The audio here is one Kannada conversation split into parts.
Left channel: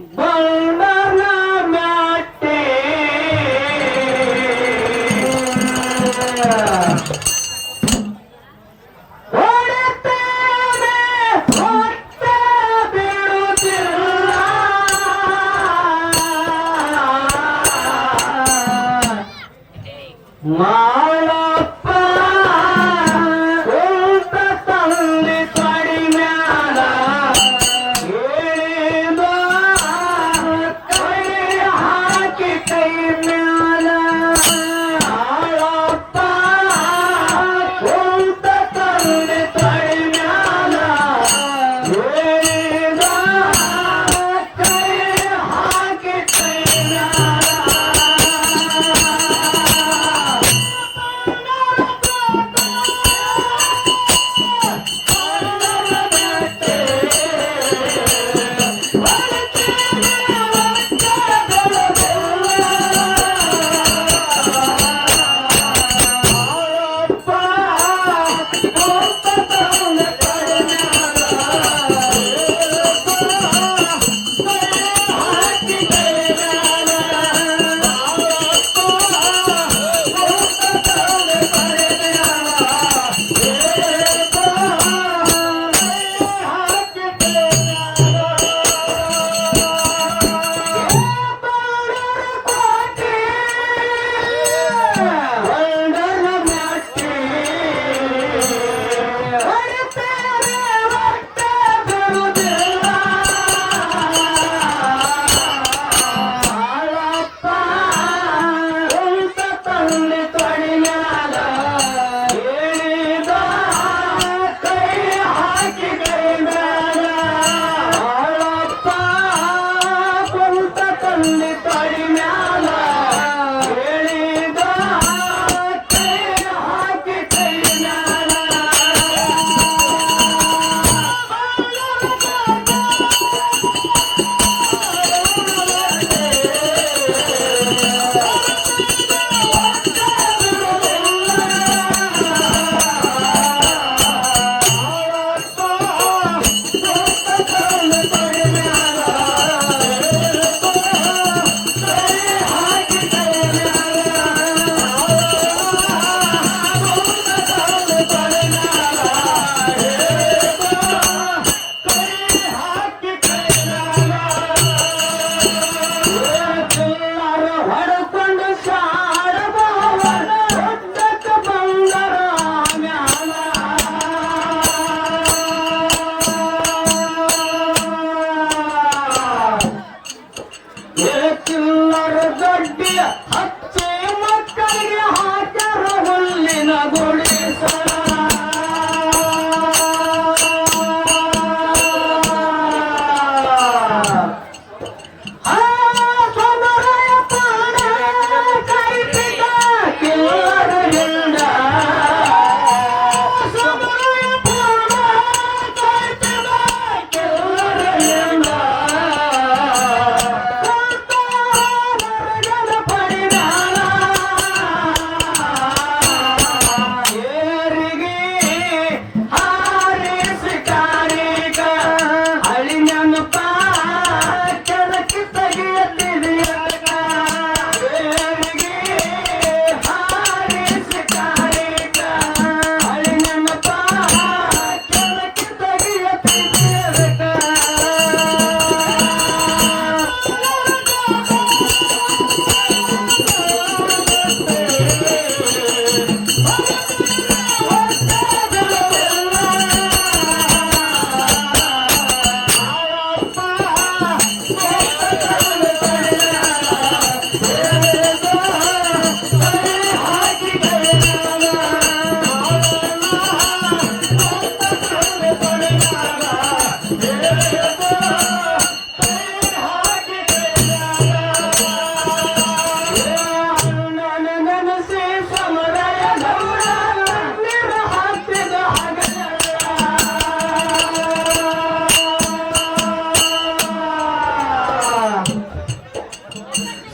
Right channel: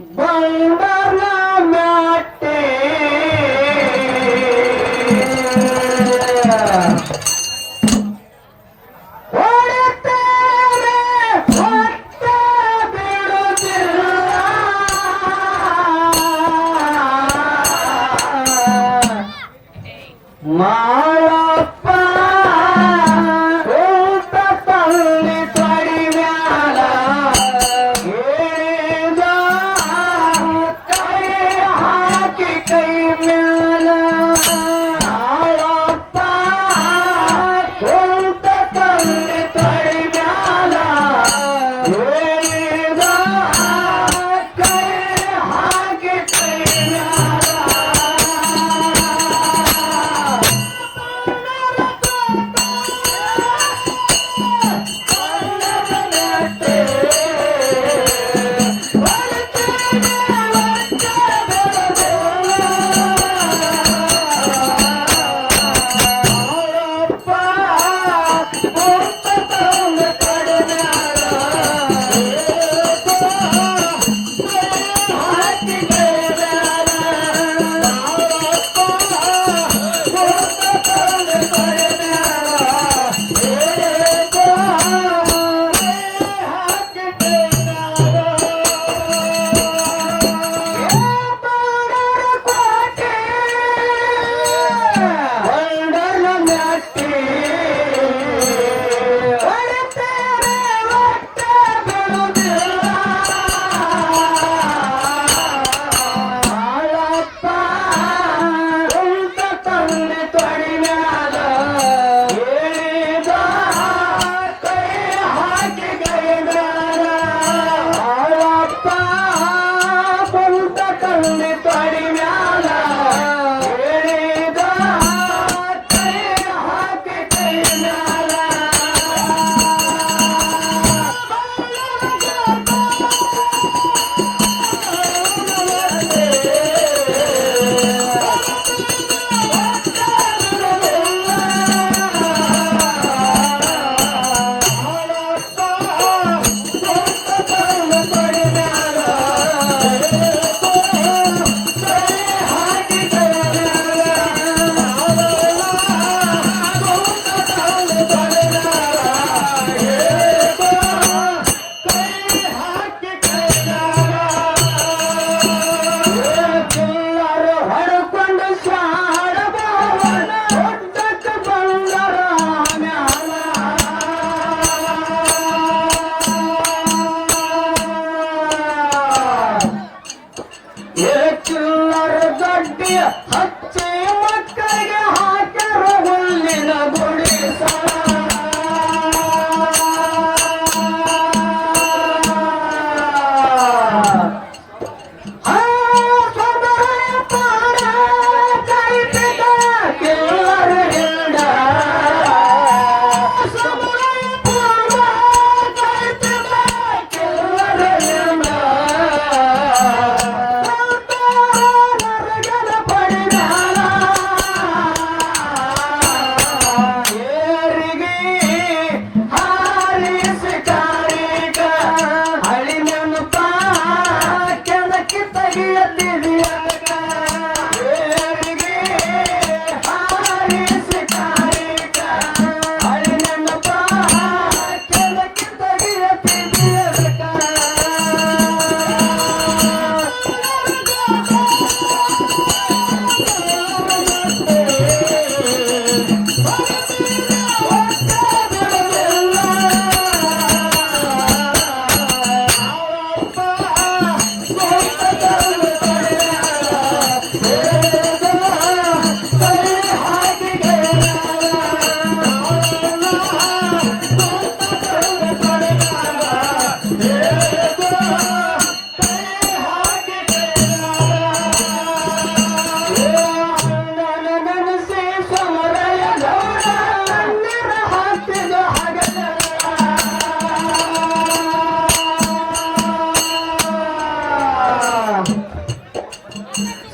ಬಂಡನ ಮ್ಯಾಟಿ ಹೊಡೆತಾರೆ ಹೊಟ್ಟೆ ಬಿಡುತ್ತಿಲ್ಲ ಮಾಳಪ್ಪ ಊಟ ತಂದೆ ಕಡಿಮ್ಯಾಲ ಹೇಳಿದ ಕೈ ಹಾಕಿ ಕೈ ಮ್ಯಾಲ ಮಾಳಪ್ಪ ಊಟ ತಂದೆ ಕಡಿಮ್ಯಾಲ ಹೇಳಿದ ಕೈ ಹಾಕಿ ಕೈ ಮ್ಯಾಲ ಹಚ್ಚಿ ಮಕ್ಕಳಿಗೆ ಹಾಕರ ಹುಲ್ಲಿನ ಗುಡಿಸಲ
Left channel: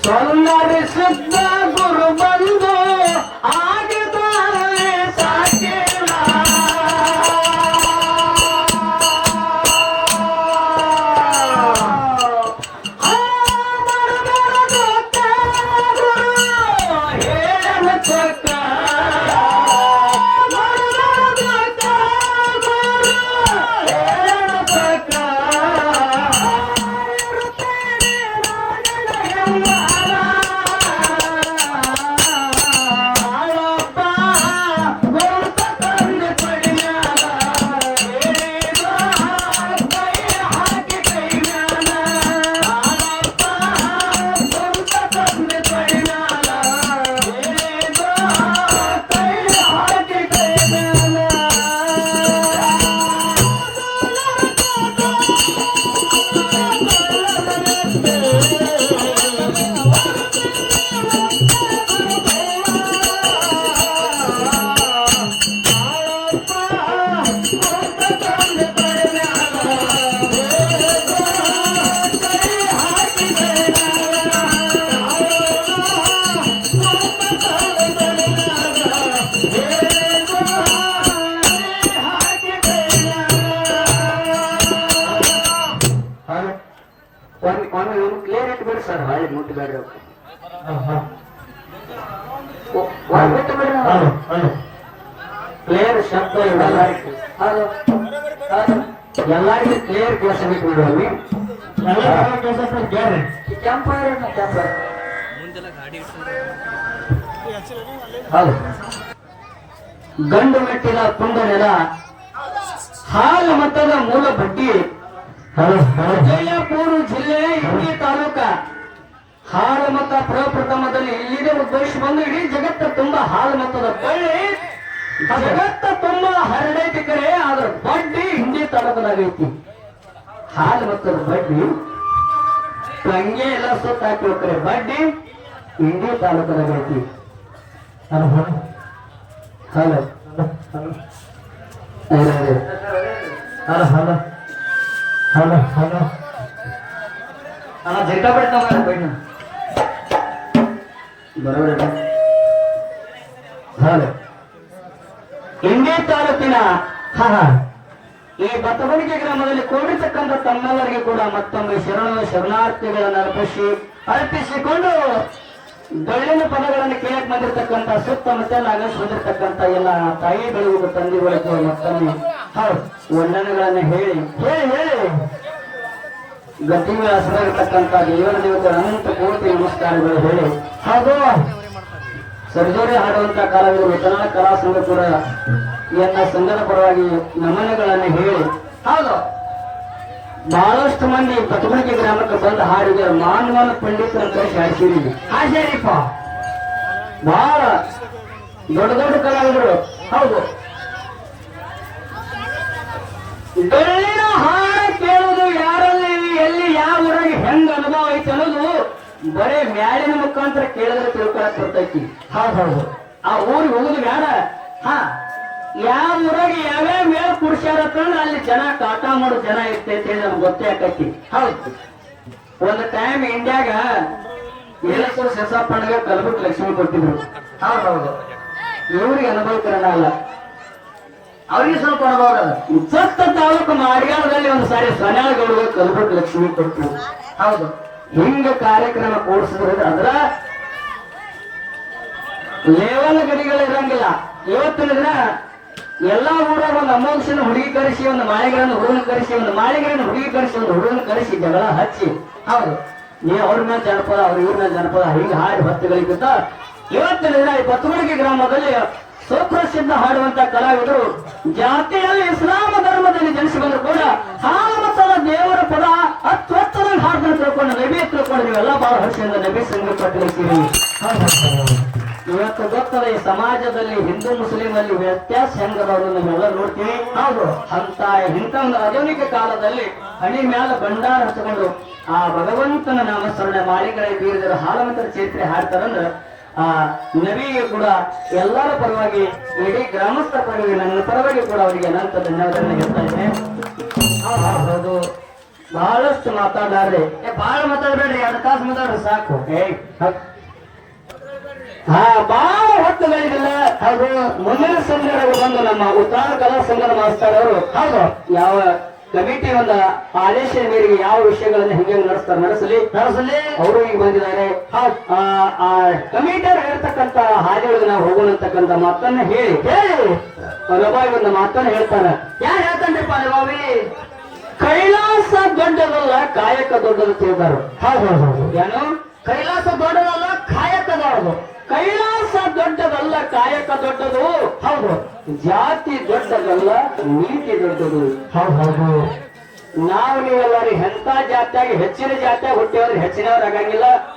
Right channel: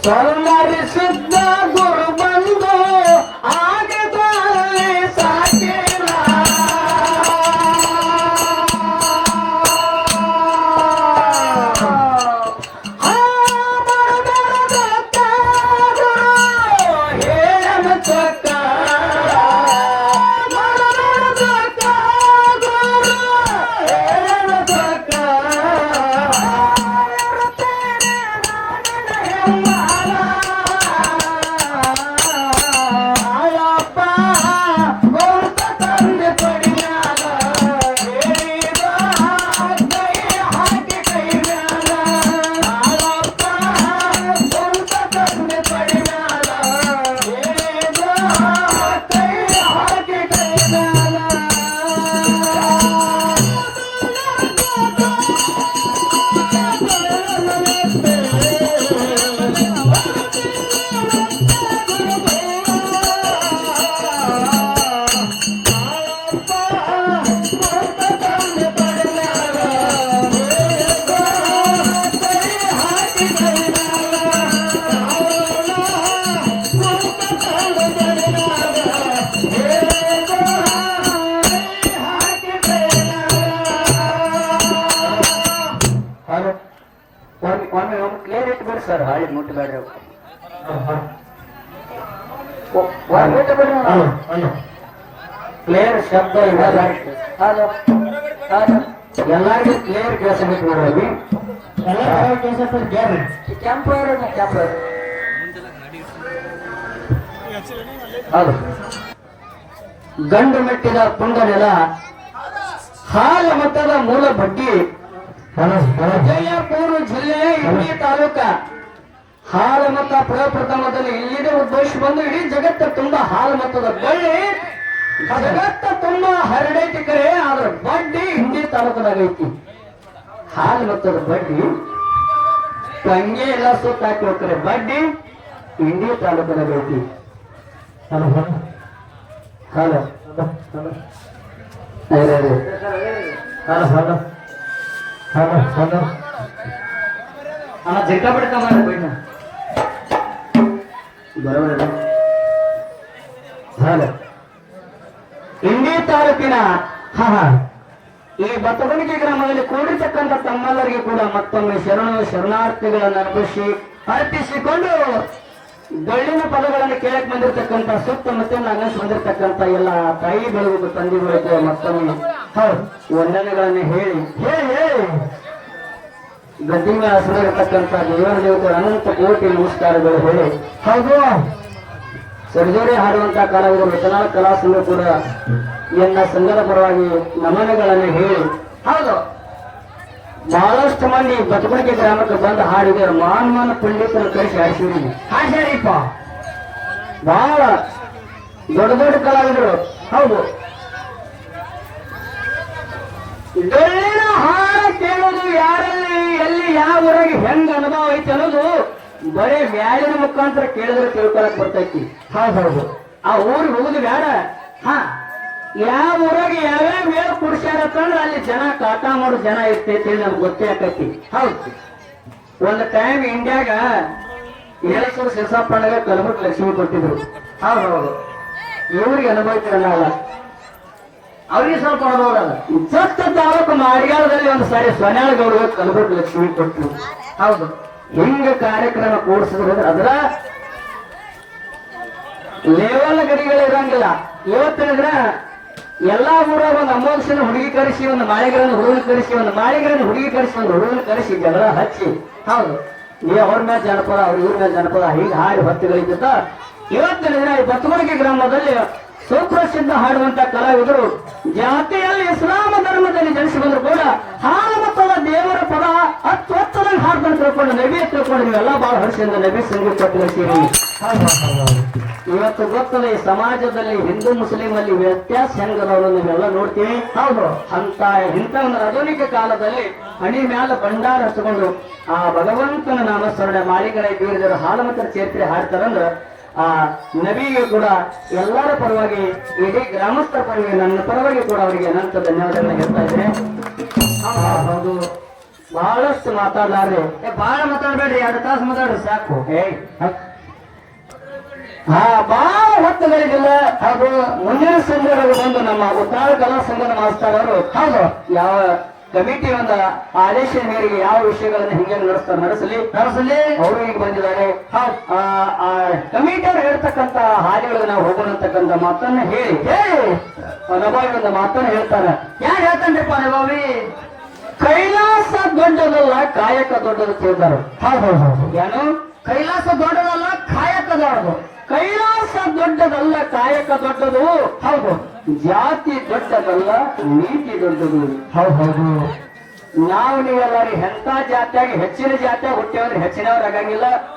ಸೌಂದರ್ಯ ಸಿದ್ಧ ಗುರು ಬಂದು ಆಗಿದ್ದಲ್ಲಿ ಸಾಕಿಲ್ಲ ಒಮ್ಮೆ ಕ್ಲಿಯರ್ ಇಟ್ಬಿಡ್ರಿ ಸರ್ ಹಾಳಿ ಮುಟ್ಟಬೇಡ್ರಿ ಕ್ಲಿಯರ್ ಶಬ್ದ ಹಲೋ ಹಲೋ ಎಲ್ಲರಿಗೂ ಕ್ಲಿಯರ್ ಕೆಲಸ ಬಿಟ್ಬಿಡ್ರಿ ಕೆಂಪೈರ್ ಕೆಂಪೈರ್ ಹೌದು ಗಂಡು ಮೆಟ್ಟಿದ ಪುಂಡನೆಲ ಹಾಲ ಮಟ್ಟದ ಮೂಲ ಬಡ್ಡಿ ವಿಜಯಪುರ ಜಿಲ್ಲೆ ಇಂಡಿ ತಾಲೂಕ ಹಾಲು ಮತ ಪ್ರಪ್ರಥಮದಲ್ಲಿ ಇಲ್ಲಿದೆ ಉದ್ಭವಿಸಿ ಬಂದು ಇಡೀ ಜಗತ್ತ ತುಂಬಾ ಹಾಲು ಮತದ ಬಳ್ಳಿ ಜಗತ್ತ ತುಂಬಾ ಹರಡೈತಿ ಕರೆ ಆದ್ರ ಬಡ್ಡಿ ಇಂಡಿ ತಾಲೂಕದಾಗೈತಿ ಹಾಲು ಮತದ ಬಡ್ಡಿ ಕಂಗೆ ಎಲ್ಲ ಸುತ್ತ ಹಾಕಿ ಹೋಗ್ತಾರೆ ಬಡ್ಡಿ ಇಂಡಿ ತಾಲೂಕದಾಗೈತಿ hello hello hello hello hello hello ಅಣ್ಣ ಜಗ್ಗ ಬಿಡ್ತಾವ ಬೈನ ಬರೋಬರ ಹಲೋ ಇಂಡಿ ತಾಲೂಕಿನ ಈ ಬತ್ತಗುಣಿಗೆ ಗ್ರಾಮದಲ್ಲಿ ಕೂಡಿರ್ತಕ್ಕಂಥ ತಮ್ಮೆಲ್ಲರಿಗೂ ಕೂಡ ಮತ್ತೊಮ್ಮೆ ಶರಣಾರ್ಥಿಗಳನ್ನು ಅರ್ಪಿಸಿಕೊಂಡು ಡೊಳ್ಳಿನ ಪದಗಳನ್ನು ಕೇಳಕ್ ಬಂದಿರತಕ್ಕಂಥ ಸುತ್ತಮುತ್ತಲ ಅನಸ್ ಬಂದಿರತಕ್ಕಂಥ ಎಲ್ಲ ತಾಯಿಗಳಿಗೂ ತಂದೆಗಳಿಗೂ ಮತ್ತೊಮ್ಮೆ ಹೌದು ವಂದನೆಗಳನ್ನು ಹೇಳಿ ಹೇಳಿ ಹೇಳಿ ಗದ್ದಿನ ಹೆಸರಾಗಿರ್ತಕ್ಕಂಥ ದೇವರ ದೇವತೆ ಅನಂತ ಕೋಟಿ ನಮಸ್ಕಾರಗಳು ಹೇಳಿ ಹೌದು ಸರ್ಜೋರಿ ಹಾಡುವಂತ ಕಲಾವಿದರು ಉತ್ತರಾಳ ಕಲಾ ಸಂಘ ಕೂಡ ಎನ್ನ ಸಂಘದ ಪರವಾಗಿ ನಮನಗಳನ್ನು ಹೇಳಿ ಹೌದು ಬಹಳಷ್ಟು ಮಂದಿ ಬತಬಡಿಕೆ ಗ್ರಾಮಕ್ಕೆ ಬಂದು ಹಾಡಿದ ಮಾನವನ ಪಂಡಿತರ ಕಳಿಸಿ ಹಾಡ್ಸಿರಿಪ್ಪ ಬಹಳ ದೊಡ್ಡ ದೊಡ್ಡ ಕಲಾವಿದರು ಹೌದು ಡೊಳ್ಳಿನ ಹಾಡು ಕೇಳುವುದು ಯಾರಲ್ಲಿ ಎಲ್ಲಿ ಯಾವ ಊರಾಗಿ ಹೆಂಗ ಅನುಭವ ಐತಿ ಅನ್ನೋದು ಬರೇ ಬ್ಯಾಳಿನ ಮುಖಾಂತರ ಕೇಳಿದ್ರೆ ತಿಳ್ಕೊಳಕ್ ಬರ್ತೈತಿ ಹೌದು ಆ ಊರಿಗೆ ಹೋಗುದು ಬ್ಯಾಡ ಯಾವ ಊರಾಗಿ ಯಾವ್ಯಾವ ಮೇಲ್ ಕುಡಿಸ್ಯಾರತ್ತಂದ್ರೆ ಅಲ್ಲಿ ಜನ ಕಾಟಾ ಮಾಡೋ ಜನ ಇರ್ತೈತಿ ನಮ್ಗೆ ಗೊತ್ತೇ ಆಕೈತಿ ಹೌದು ಒಂದು ಟೈಮ್ ಇಂಡಿಯಾಗ ಏಳೇಶ್ವರ ಸಿರಸಪ್ಪಣ್ಣಗ ಕಲಬುರ್ಗಿ ಲಕ್ಷ್ಮಿ ಕೊಟ್ಟಿದ್ರು ಹೌದು ಇವ್ರಿಗೆ ಅನುಭವಿಕರಣ ಅಲ್ಲ ಅವ್ರಿಗೆ ಸ್ವಲ್ಪ ಅನುಭವ ಅಲ್ಲ ಜಸ್ಟ್ ತಾಲೂಕು ಮಾಡಿಗಾಲದಲ್ಲಿ ಒಂದು ಸಾರಿ ಸ್ವನ್ಯಾಳಗೌಡಗೆ ಕಲಬುರ್ಗಿ ಲಕ್ಷ್ಮಿ ಕೊಟ್ಟರು ಹೌದು ಹಿಂಗ ಕಾರ್ಯಕ್ರಮ ಕೂಡಿಸಿದ್ರು ಅದ್ರ ಲೇವಲ್ ಗಡಿಗಳು ಇರಂಗಿಲ್ಲ ಇವತ್ತಿನ ದಿನ ಎಲ್ಲಾ ಊರಾಗ ಒಂದು ಅಮೋಘನ ಹುಡುಗಿ ಕರೆಸಿ ಒಂದು ಮಾಳಿಗರನ್ನ ಹುಡುಗನ ಕರೆಸಿ ಒಂದು ಮಾಳಿಗರನ್ನ ಹುಡುಗಿ ಕರೆಸಿ ಒಂದು ಹುಡುಗನ ಕರೆಸಿ ಜಗಳ ಹಚ್ಚಿ ಹೌದು ಅವ್ರ ಮೇಲೆ ಜನಪದ ಅವ್ರ ಇವ್ರ ಮೇಲೆ ಜನಪದ ಹೀಗೆ ಹಾಡಿ ಹೊತ್ತುಗಳಿದ್ದ ಇವತ್ತಿನ ದಿನ ಬತ್ತಗುಣಿಗೆ ಗ್ರಾಮದಲ್ಲಿ ಸುಪ್ರಸಿದ್ಧ ಹಾಡುವಂತ ಕಲಾವಿದರು ಜಾತಿಯಲ್ಲಿ ಇಸ್ಲಾಮ ಧರ್ಮದಲ್ಲಿ ಜನಿಸಿ ಬಂದ್ರು ಕೂಡ ಹಾಲು ಮತ್ತದ ದೇವರ ಪದ ಅತ್ವತ್ತದಲ್ಲಿ ಹಾಡ್ಕೊಂಡು ತಿಳ್ಕೊಂಡು ನಬಿ ತಿಳ್ಕೊಂಡು ನೀವೆಲ್ಲ ಬಹಳ ವರ್ಷದಿಂದ ನಬಿ ಸಂಗೀತ ಕಲಿಸಿರಿ ಇವತ್ತು ಗೊತ್ತದೆ ಸಮಾಜದಲ್ಲಿ ಹಿಂದೂ ಮುಸ್ಲಿಂ ಅಲ್ಲಿ ವ್ಯತ್ಯಾಸ ಹೆಂಗದನ್ನು ನಾವೆಲ್ಲ ನೋಡ್ತೀವಿ ಹೌದು ಅಂತ ಇಂಥ ಆಧುನಿಕ ಕಾಲದಲ್ಲಿ ಹಣಿ ಮ್ಯಾಲ ಭಂಡಾರ ಹಚ್ಕೊಂಡು ಆ ಭಗವಂತನ ನಾಮಸ್ಮರಣೆ ಮಾಡಿಗರ ಬೀರಿದರ ಹಾಲಮತರ ಚೇತ್ರೆ ಹಾಡ್ತಾರಂದ್ರ ಆ ನಬಿಗೆ ಕೂಡ ಎಲ್ಲರ ಪರವಾಗಿ ಇಡೀ ಗ್ರಾಮಸ್ಥರ ಪರವಾಗಿ ನನ್ನ ಪರವಾಗಿ ಕೂಡ ಅವರಿಗೆ ಅನಂತ ಧನ್ಯವಾದಗಳನ್ನ ಹೇಳ್ತಾ ಇದ್ದೇನೆ ಹೌದು ಬಹಳಷ್ಟು ಮಾತಾಡ್ಲಾರ್ರಿ ಬಹಳ ಮಾತಾಡಬೇಡ್ರಿ 2 ತಾಸು ಮಾತಾಡ್ರಿ ಸಾಕು ಬಹಳ ಹೊತ್ತುಗಳಿದಿಲ್ಲ ಹಾಗೂ ಮುಂದಿನ ಸಂಘದಲ್ಲಿ ಬಂದು ನಮ್ಮ ಉತ್ತರ ಕಲಾ ಸಂಘದ ಮಾಸ್ತರ್ ಅವರು ಹೌದು ಯಾವ ಕಮಿಟಿ ಒಂದು ಆದೇಶದ ಮೇರೆಗೆ ಯಾವ ವಿಷಯಗಳನ್ನು ಹಿಂಗೆ ನಡೆಸಲಿ ಅವರು ಈಗ ಬಂದಿದ್ದಾರೆ ಕಮಿಟಿಯವರು ಹೇಳ್ತಕ್ಕಂತ ಹಾದಿಗಳು ನಾವು ಹೋಗೋಣತಕ್ಕಂತ ಮಾತನ್ನ ಹೇಳಿ ಪನಬಾಯಿ ಒಂದು ಮಾತನ್ನ ಹೇಳ್ತಾರೆ ಯಾರು ಹೇಳ್ತಾನ್ರಿಪ್ಪ ನಗೋವಿ ಕೈಲಾಸ ದೊಡ್ಡದಲ್ಲ ಕಾಯಕ ದೊಡ್ಡದು ತಿಳಿದಾರು ಏನು ಕೈಲಾಸ ದೊಡ್ಡದಲ್ಲ ಕಾಯಕ ದೊಡ್ಡದು ಕೈಲಾಸ ದೊಡ್ಡದಲ್ಲ ಕಾಯಕ ದೊಡ್ಡದು ಹೌದು ಜಾತಿ ದೊಡ್ಡದಲ್ಲ ನೀತಿ ದೊಡ್ಡದು ಹೌದು ನಾವು ನೀವೆಲ್ಲರೂ ಎಂತ ಜಾತಿಯಾಗಿ ಹೆಚ್ಚಿನ ಜಾತಿಯಾಗಿ ಹುಟ್ಟಿಯವ್ರು ಹೆಚ್ಚಿನವ್ರು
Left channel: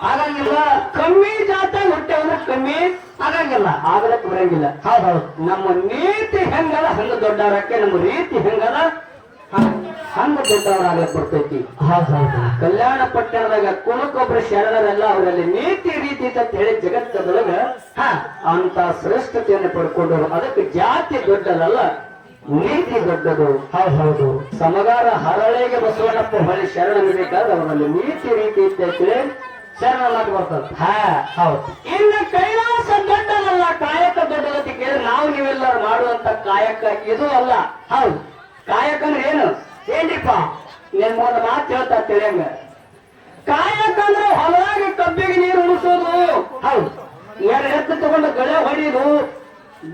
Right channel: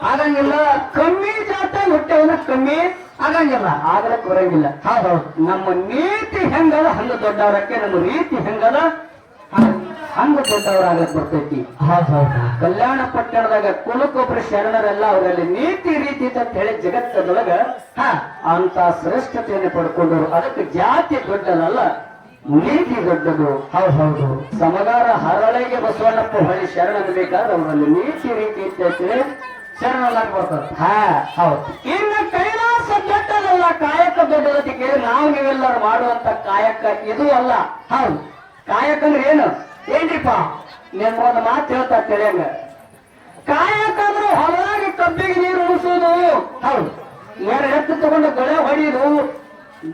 ಆಗಂಗಿಲ್ಲ ಕಮ್ಮಿ ಜಾತಿಯಾಗಿ ಹುಟ್ಟಿಯವ್ರು ಕಮ್ಮಿ ಆಗಂಗಿಲ್ಲ ಆಗಲಕ್ ಬರಂಗಿಲ್ಲ ಹೌದೌದು ನಮ್ಮ ನೀತಿ ಹೆಂಗದ ಹಂಗ ದೊಡ್ಡವರಕ್ಕೆ ನಮ್ಮ ರೀತಿ ಹೆಂಗದ ಹಂಗ ದೊಡ್ಡವರಾಗಕ್ ಬರ್ತೈತಿ ಕಲ್ಯಾಣ ಪಟ್ಟಣದಾಗ ಕುಲಕ್ಕೊಬ್ಬರು ಶರಣರೆಲ್ಲ ಅವರಲ್ಲಿ ನೀತಿ ರೀತಿ ಅಂತ ಹೇಳಿ ಜಗತ್ತದೊಳಗ ಅಂತ ಶ್ರೇಷ್ಠತೆಯನ್ನು ಪಡ್ಕೊಂಡ್ರು ಅದಕ್ಕೆ ಜಾತಿ ದೊಡ್ಡದಲ್ಲ ನೀತಿ ದೊಡ್ಡದು. ಹೌದು ಸಮಗಾರ ಹರಳೆಗೆ ಬಸವಣ್ಣಪ್ಪ ಹೊಳಿ ಶರಣ ಬೇಕಾದ್ರೆ ಅವರಲ್ಲಿ ನೀತಿ ರೀತಿ ಇರ್ತೈತಿ ಶರಣದಾಗ ಬರ್ತದೆ. ಹಾ ಹೌದು. ಇನ್ನು ಕೈಲಾಸ ದೊಡ್ಡದಲ್ಲ ಕಾಯಕ ದೊಡ್ಡದಕ್ಕೆ ಕೇಳಿ ನಾವು ನೀವೆಲ್ಲರೂ ಮಾಡುವಂತ ಕಾಯಕ ಇದು ಅಲ್ಲ. ಹೌದು. ಕಾಯಕ ಅಂದ್ರೆ ಏನು? ಏನ್ರಿಪ್ಪ? ನಿಮ್ಗೊಂದು ಮಾತು ಹೇಳ್ತಾ ತಿಳಿಯಂಗ, ಕಾಯಕ ಅಂದ್ರೆ ಹೊಲದಾಗ ಕಬ್ಬಿಗೆ ನೀರು ಮುಗಿಸೋದು. ಹೌದು. ಎರಡು ಎತ್ತು ತಗೊಂಡು ಗಳೆ ಹೊಡೆಯೋದು,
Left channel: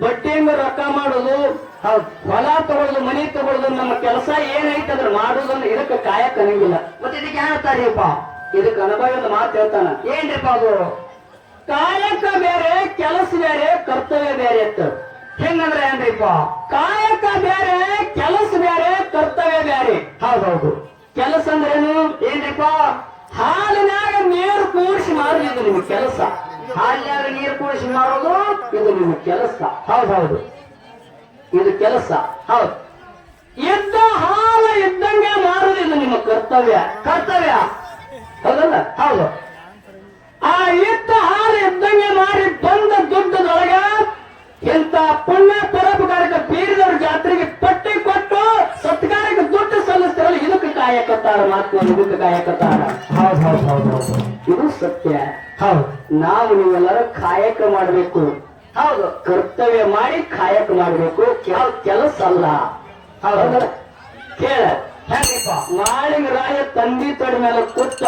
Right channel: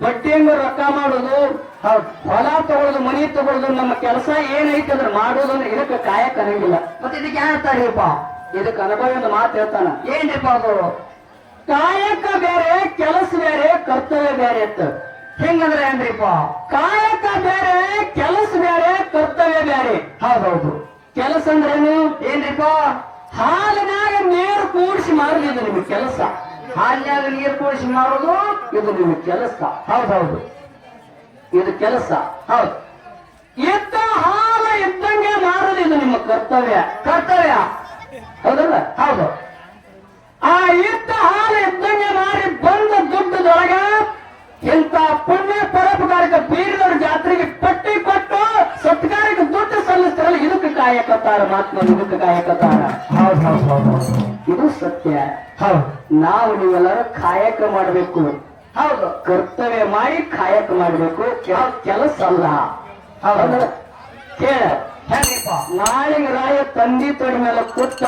ಬಡ್ಡಿಂಗ ರೊಕ್ಕ ಮಾಡೋದು, ಹೌದು. ಹೊಲ ತಗೊಳ್ಳೋದು, ಮನಿ ತಗೊಳ್ಳೋದು, ನಮ್ಮ ಕೆಲಸ ಏನೈತೆ ಅದ್ರ ಮಾಡೋದಂದ್ರೆ ಇದಕ್ಕೆ ಕಾಯಕ ಅನ್ನಂಗಿಲ್ಲ. ಮತ್ತೆ ಇದಕ್ಕೆ ಹೇಳ್ತಾರಿಪ್ಪ? ಇದಕ್ಕೆ ಅನುಭವದ ಮಾತು ಹೇಳ್ತಾನ. ಏನ್ರಿಪ್ಪ ಅದು? ಕಾಯಕ ಬೇರೆ, ಕೆಲಸ ಬೇರೆ, ಕರ್ತವ್ಯ ಬೇರೆ ಇತ್ತ. ಹೆಂಗಂದ್ರೆ ಏನ್ರಿಪ್ಪ? ಕಾಯಕ ಬೇರೆ, ಕೆಲಸ ಬೇರೆ, ಕರ್ತವ್ಯ ಬೇರೆ. ಹೌದೌದು. ಕೆಲಸ ಅಂದ್ರೇನು? ಏನ್ರಿಪ್ಪ? ಹಾಲಿನಾಗ ನೀರು ಕೂಡಿಸಿ ಮಾಡುದು ನಿಮ್ಗೆ ಕೆಲಸ. ಹಾಲಿನಾಗ ನೀರು ಕೂಡಿಸಿ ಮಾಡೋದು ಇದು ನಿಮ್ಗೆ ಕೆಲಸ. ಹೌದೌದು. ಇದು ಕೆಲಸ. ಹೌದು. ಇದ್ದ ಹಾಲ ಇದ್ದಂಗೆ ಮಾರೋದು ಇದು ನಿಮ್ಮ ಕರ್ತವ್ಯ. ಕರ್ತವ್ಯ. ಹೌದಲ್ಲ? ಹೌದು. ಆ ಇದ್ದ ಹಾಲು ಇದ್ದಂಗೆ ಮಾಡಿ ಬಂದ ದುಡ್ಡದೊಳಗ ಇಂಥ ಪುಣ್ಯ ಪರೋಪಕಾರಕ್ಕೆ ಬೀರಿದವ್ರ ಜಾತ್ರೆಗೆ ಪಟ್ಟಿ ಕೊಟ್ಟು ಸತ್ಕಾರಕ್ಕೆ ದುಡ್ಡು ಸಲ್ಲಿಸ್ತಾರಲ್ಲ, ಇದಕ್ಕೆ ಕಾಯಕತ್ತಾರ. ಮಾತ್ರ ಇದಕ್ಕೆ ಕಾಯಕತ್ತಾರ. ಹೌದು ಹೌದು ಹೌದು ಹೌದು. ಇದು ಸತ್ಯ. ಹೌದು. ನಾವು ನೀವೆಲ್ಲರೂ ಕಾಯಕ ಮಾಡಬೇಕು. ಹೌದು. ಕರ್ತವ್ಯ ಮಾಡಿ ಕಾಯಕ ಮಾಡಬೇಕು, ಕೆಲಸ ಅಲ್ಲ. ಹೌದು. ಕೇಳ, ಹೆಂಗ್ರಿಪ್ಪ? ನಾಳಿಗೆ ರಾಯ ತಂದಿ ತೊಡೆ ಮೇಲೆ ಕೂತ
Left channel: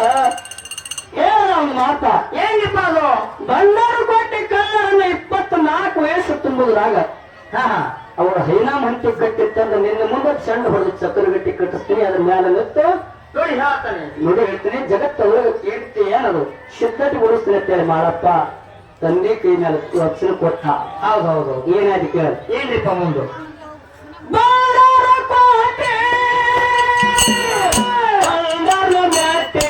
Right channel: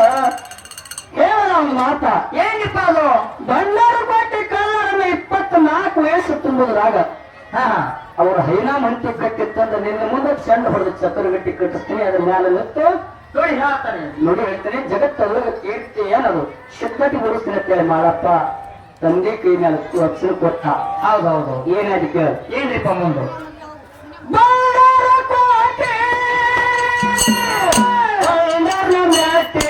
ಹೇಳ ಒಂದು ಮಾತ. ಏನ್ರಿಪ್ಪ ಅದು? ಬಂಡಾರಕೋಟೆ ಕಾಲರನ್ನ 24 ವಯಸ್ಸು ತುಂಬುದ್ರಾಗ ಹಾ ಹಾ. ಅವ್ರ ಹೈನಾಮ್ ಹಂಚಿ ಕಟ್ಟಿತ್ತಂದ್ರೆ ನಿನ್ನ ಮುಂದೆ ಚಂಡ ಹೊಡೆದು ಚಕ್ರಗಟ್ಟಿ ಕಟ್ಟಿಸ್ತೀನಿ, ಅದ್ರ ಮೇಲೆ ನಿಂತು ನೋಡಿ ಹೇಳ್ತಾನೆ. ನೋಡಿ ಹೇಳ್ತೀನಿ, ಜಗತ್ತೊಳಗೆ ಕೀರ್ತಿ ಏನದು ಶುದ್ಧಟಿ ಹೊಡಿಸ್ತೀನಿ ಅಂತೇಳಿ ಮಾಡಪ್ಪ ತಂದೆ ಕೈ ಮೇಲೆ ವಚನ ಕೊಟ್ಟ. ಹೌದೌದು. ಏನಾಯ್ತು ಕೇಳ. ಏನ್ರಿಪ್ಪ ಮುಂದೆ? ಬಂಡಾರಕೋಟೆ ಬಂಡಾರಕೋಟೆ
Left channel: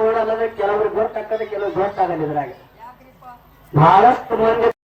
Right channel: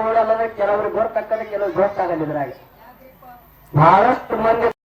ಓಡಲ್ಲ ಕೆಲವರು ಗೊತ್ತಾಗ್ತದೆ ಕೆಲವರು ಗೊತ್ತಾಗಲ್ಲ ಇದ್ರಾಗ ಬಹಳಷ್ಟು ಮಂದಿ